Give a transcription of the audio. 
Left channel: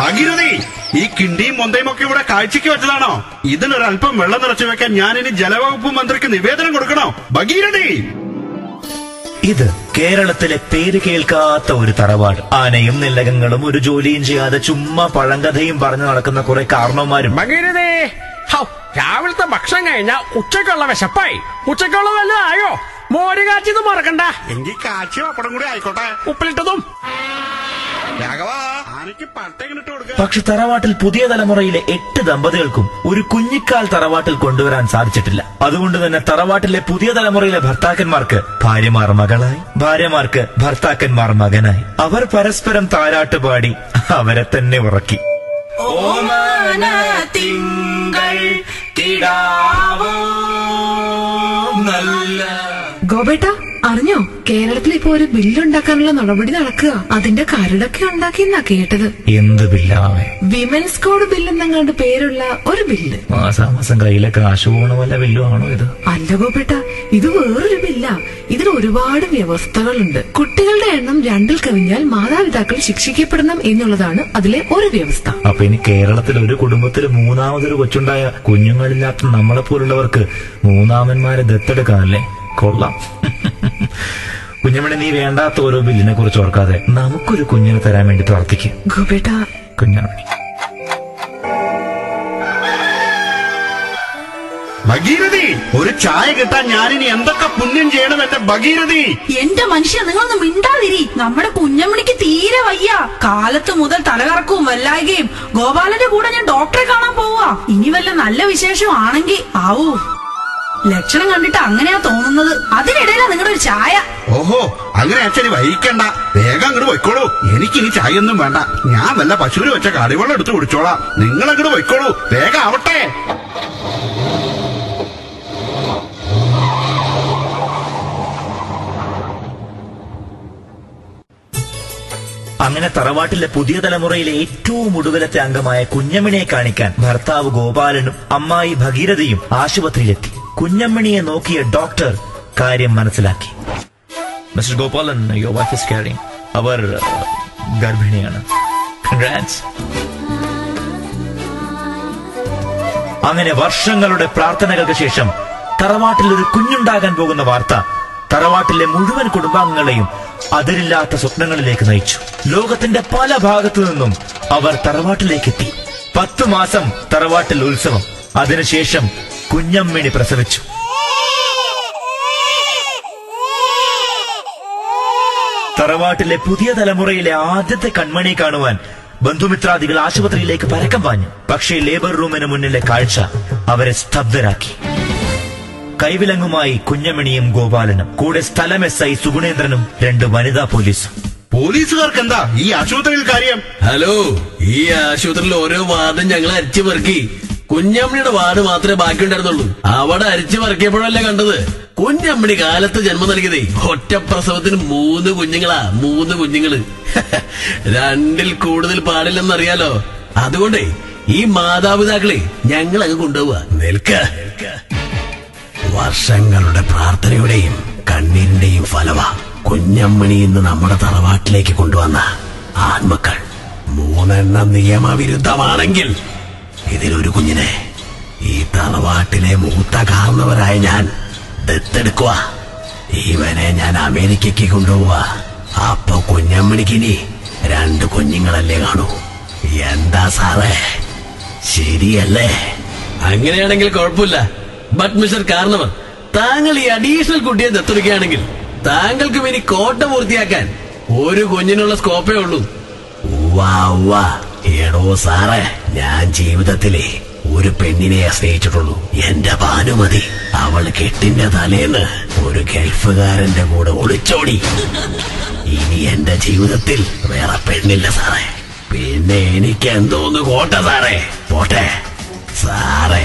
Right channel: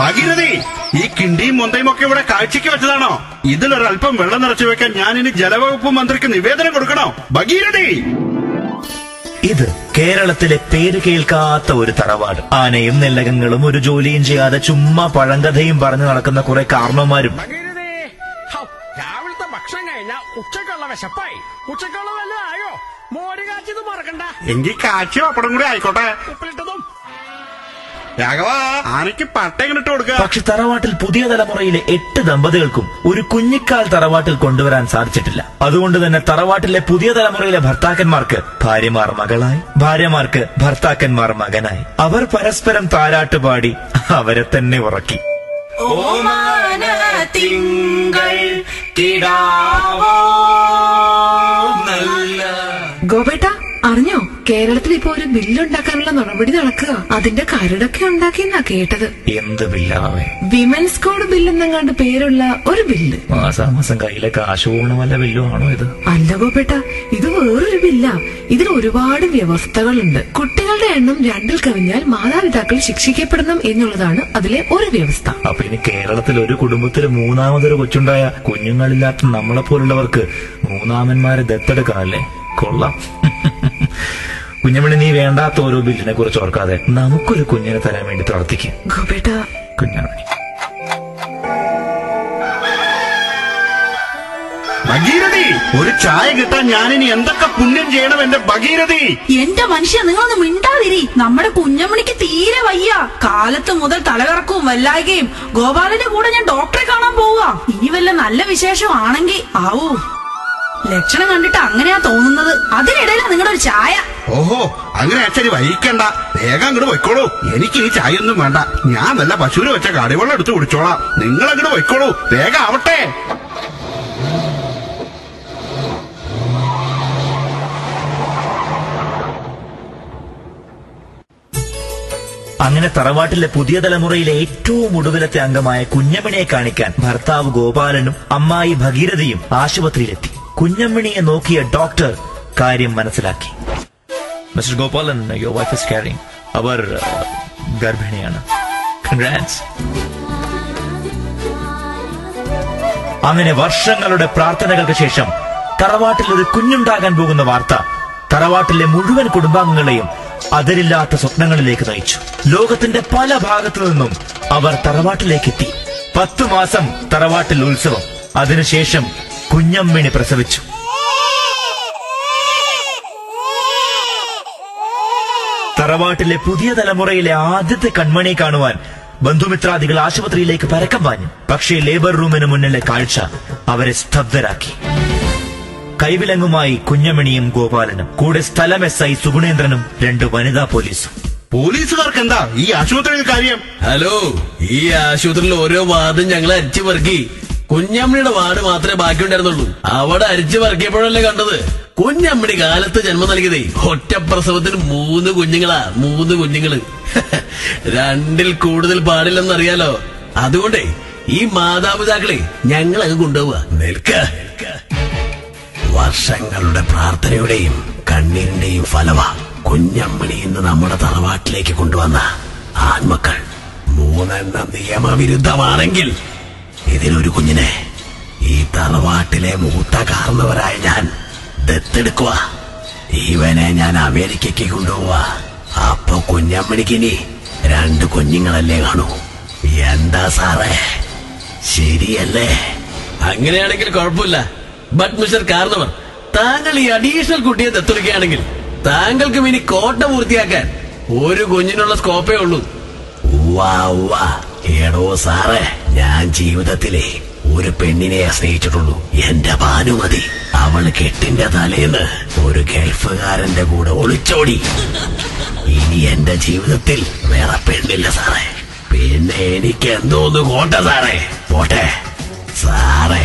ഭാഗീരഥി, ഈ കിണ്ടിയും മൊന്തയും ഒക്കെ ഇവിടെ കാഴ്ചക്ക് വെച്ചതാണോ? ഇതിലൊരല്പം വെള്ളം നിറച്ചു വെക്കാൻ ഞാൻ ഇനി ജലവകുപ്പ് മന്ത്രിക്ക് നിവേദനം കൊടുക്കണോ? ഭാഗീരഥി, ഇത് കേരളത്തിലെ പേര് കേൾക്കാത്ത ഒരു തറവാട്. ആനയും നെല്ലകങ്ങളും ഒരു ജോലിയും ചെയ്യാതെ ചുമ്മാ പഴങ്കഥയും പറഞ്ഞു നടക്കുന്ന കുറെ കാരണവന്മാരും. രാവിലത്തെ ഭക്ഷണം കഴിഞ്ഞാ ഉച്ചക്കുള്ള വിശപ്പായി. ഉച്ചക്കുള്ള വല്ലതായോ? മോര് കാച്ചിത് മറക്കണ്ട. എങ്കിൽ കാച്ചി പപ്പടം കൂടി ആയിക്കോട്ടെ. ഉപ്പിലിട്ടതും. രാഘവ, ആനയ്ക്ക് പട്ടയിട്ട് കൊടുക്കുക. പക്ഷെ തറവാട്ടിൽ പുതിയ തലമുറയിലെ 8 ദമ്പതികൾക്കും ഒരു കുഞ്ഞിക്കാൽ തറവാട്ടിൽ കൊണ്ടുവരാൻ സാധിച്ചിട്ടില്ല. അതുകൊണ്ട് തന്നെ തറവാട്ടിലെ പുതിയ തലമുറയിലെ ഭർത്താക്കന്മാർക്ക് ഭാര്യമാർ മകളായി, ഭാര്യമാർക്ക് ഭർത്താക്കന്മാർ മകനായി. അവർ പരസ്പരം താരാട്ടുപാടി അവരെ തന്നെ ഉറക്കി. ഗോപേട്ട, അറിഞ്ഞോ? കേരളത്തിൽ ഇപ്പൊ ഒരു ബില്ലുണ്ടാക്കാനുള്ള നടപടി നടക്കുക. അതിന്റെ കരടൊക്കെ ഉണ്ടാക്കിയെന്നാ കേട്ടത്. എന്ത് ബില്ലാവേ? വിമൻസ് കോഡ് ബില്ലെന്നങ്ങാണ്ട് പേരുള്ള ഒരു ബില്ല്. മാസാമാസം കയ്യിലെ കാശ് പോണ വല്ല ബില്ലും ആണോ ഇത്? അല്ല ഗോപേട്ട, ഇത് വേറൊരു ബില്ലാ. ഇതിൽ ഒരുപാട് വ്യവസ്ഥകളുണ്ട്. കുട്ടികളുടെ എണ്ണം 2ൽ കവിഞ്ഞാൽ മാതാപിതാക്കൾ ശിക്ഷിക്കപ്പെടണം എന്നുള്ളതാണ് അതിലെ ഒരു വ്യവസ്ഥ. അപ്പൊ ഇനി കേരളത്തിൽ ഒരു കുടുംബത്തിൽ 3ാമതൊരു കൊച്ചുണ്ടായ കുഞ്ഞുങ്ങളില്ലാത്ത നമ്മളെ പോലുള്ളവർക്ക് 3ആമന്മാരെ ദത്തെടുക്കാനല്ലേ? കൊള്ളാം. കുഞ്ഞമ്മണി, നീ വേണ്ടാത്ത ഓരോ ബില്ലിനെ കുറിച്ച് ഓർക്കാതെ നമുക്കൊരു കുഞ്ഞിനെ തരാൻ വേണ്ടി പ്രാർത്ഥിക്കും. ഗോപേട്ട, കുഞ്ഞമ്മണി. ഭഗീരഥി, ഒരു ചായ കിട്ടാൻ ഞാനിനി എന്തൊക്കെ പുണ്യം ചെയ്യണം എന്റെ ഭഗീരഥി? എന്റെ മനുഷ്യ, നിങ്ങളൊന്ന് മിണ്ടാതിരി. നമ്മുടെ കുഞ്ഞമ്മണിക്ക് തീരെ വയ്യ. കാലത്ത് മുതൽ തലകറക്കവും വല്ലായ്കയും. ഗോപാലന്റെ കൂടെ ഞാൻ ഡോക്ടറെ കാണാൻ പോവാ. ഇനി വല്ല നല്ല വിശേഷം ആണെങ്കിൽ ആവൂ. ലക്ഷണം കണ്ടിട്ട് അങ്ങനെയാ തോന്നുന്നത്. അതിനിടയിലാ നിങ്ങളുടെ ഒരു ചായ. ഓഹോ, അങ്ങനെ അച്ഛന് വഹിക്കണ്ട. വേഗം അങ്ങോട്ട് പൊയ്ക്കോളൂ. എനിക്കിനി ചായ ഒന്നും വേണ്ട. ഞാൻ വല്ല പശുവിന് വെച്ച കടിവെള്ളം എടുത്ത് കുടിച്ചോളാം. നിങ്ങൾ അങ്ങോട്ട് പൊയ്ക്കോളൂ. വേഗം ആവട്ടെ. അങ്ങനെ തറവാട്ടിലെ പുതിയ തലമുറയിലെ ഏറ്റവും ഒടുവിലത്തെ അംഗമായ കുഞ്ഞമ്മണിയെ കാണിക്കാൻ ഭർത്താവ് ഗോപാലനും അമ്മായി ഭഗീരഥയും ആശുപത്രിയിലെത്തി. കുഞ്ഞമ്മണിയെ നോക്കിയ ഡോക്ടർ കാര്യം മനസ്സിലാക്കി. Mister Gopalan, your wife is carrying. അവർ ഗർഭിണിയാണ്. കൺഗ്രാറ്റ്സ്. അങ്ങനെ വർഷങ്ങളുടെ പ്രാർത്ഥനകൾക്ക് ശേഷം തറവാട്ടിൽ ഒരു കുഞ്ഞുണ്ടാകാൻ പോകുന്ന വാർത്ത തറവാട്ടിലെ മുഴുവൻ കുടുംബാംഗങ്ങളെയും അതിരില്ലാത്ത സ്വപ്നങ്ങളിലേക്ക് നയിച്ചു. ലോകത്തിന്റെ പല ഭാഗത്തു നിന്നും അവർ തറവാട്ടിലേക്കെത്തി. 10 മാസം തറവാട്ടിൽ ഉത്സവം. അതിനുശേഷം കുഞ്ഞമ്മിണി പ്രസവിച്ചു. തറവാട്ടിലെ പുതിയ തലമുറയിലെ ആദ്യത്തെ കൺമണിയെ കാണുവാൻ ബന്ധുമിത്രാദികൾ ആശുപത്രിയിലേക്ക് പരക്കം പാഞ്ഞു. പക്ഷേ ലേബർ റൂമിന് മുന്നിലെ കാഴ്ച അവരെ സ്തബ്ധരാക്കി. കൈവിലങ്ങുമായി കുഞ്ഞമ്മിണിയും ഗോപാലനും, കൂടെ സ്ഥലം SI സുഗുണേന്ദ്രനും 2 വനിതാ പോലീസും. പോലീസുകാർക്ക് എന്താ ഈ ആശുപത്രിയിൽ കാര്യം? ഹലോ, ഈ ആശുപത്രിയിൽ ഓരോ വാർഡും ഞങ്ങൾ അരിച്ചു പെറുക്കി. കുഞ്ഞമ്മണിയുടെ വാർഡ് മാത്രമേ ബാക്കിയുണ്ടായിരുന്നുള്ളൂ. അവിടെ അരിച്ചു പെറുക്കിയപ്പോഴല്ലേ കണ്ടത് കുഞ്ഞമ്മണി കാലത്ത് ജന്മം നൽകിയതേ. ഒറ്റ പ്രസവത്തിന് 3 കുഞ്ഞുങ്ങളാ. 3 കുഞ്ഞുങ്ങള്. 2ൽ കൂടുതൽ പാടില്ലെന്നറിയാലോ. അതുകൊണ്ടേ ഈ മാതാപിതാക്കളെ ഞങ്ങൾ അങ്ങ് കൊണ്ടുപോവാ. നിൽക്ക. വർഷങ്ങളുടെ പ്രാർത്ഥനയുടെയും കണ്ണീരിന്റെയും ഫലമാ കുഞ്ഞമ്മണി ഇന്ന് നമ്മുടെ തറവാട്ടിലേക്ക് കൊണ്ടുവന്ന ആൺമക്കൾ. 3 നിയമവിരുദ്ധമാണെങ്കിൽ ഇതിലൊരു കുഞ്ഞിനെ ഈ തറവാട്ടിലെ മൂത്ത കാരണവരായ ഞാൻ ദത്തെടുക്കുക. ഇവനെ ഞാൻ അമേരിക്കയ്ക്ക് കൊണ്ടുപോവാ. അപ്പൊ കുഞ്ഞമ്മണിക്കിനി 2 കുഞ്ഞുങ്ങളല്ലേ കാണൂ. എന്താ സാറേ, ശരിയല്ലേ? അങ്ങനെയാണെങ്കിൽ കുഴപ്പമില്ല. ബട്ട് മിസ്റ്റർ കാരണവർ, താങ്കൾ ഈ അഡീഷണൽ കുട്ടിയെ ദത്തെടുക്കുകയാണെങ്കിൽ താങ്കൾക്കും ഇനി കോട്ട പൂർത്തിയാക്കാൻ 1 കുഞ്ഞിനുള്ള സ്കോപ്പേ ഉള്ളൂ. എടോ സാറേ, ഞാൻ ജീവിതത്തിലെ ഒരു പെണ്ണിനെ സ്നേഹിച്ചിട്ടുള്ളൂ. എന്റെ ഭാനുമതി. അവള് കെട്ടിന്റെ തലേന്ന് ഒരു ഗൾഫുകാരന്റെ കൂടെ ഒളിച്ചോടി. ഇനി എന്റെ ജീവിതത്തിൽ വേറെ പെണ്ണില്ല സാറേ. പിന്നെ എനിക്ക് എന്തോന്ന് കോട്ട സാറേ. പോട്ടെ സാറേ.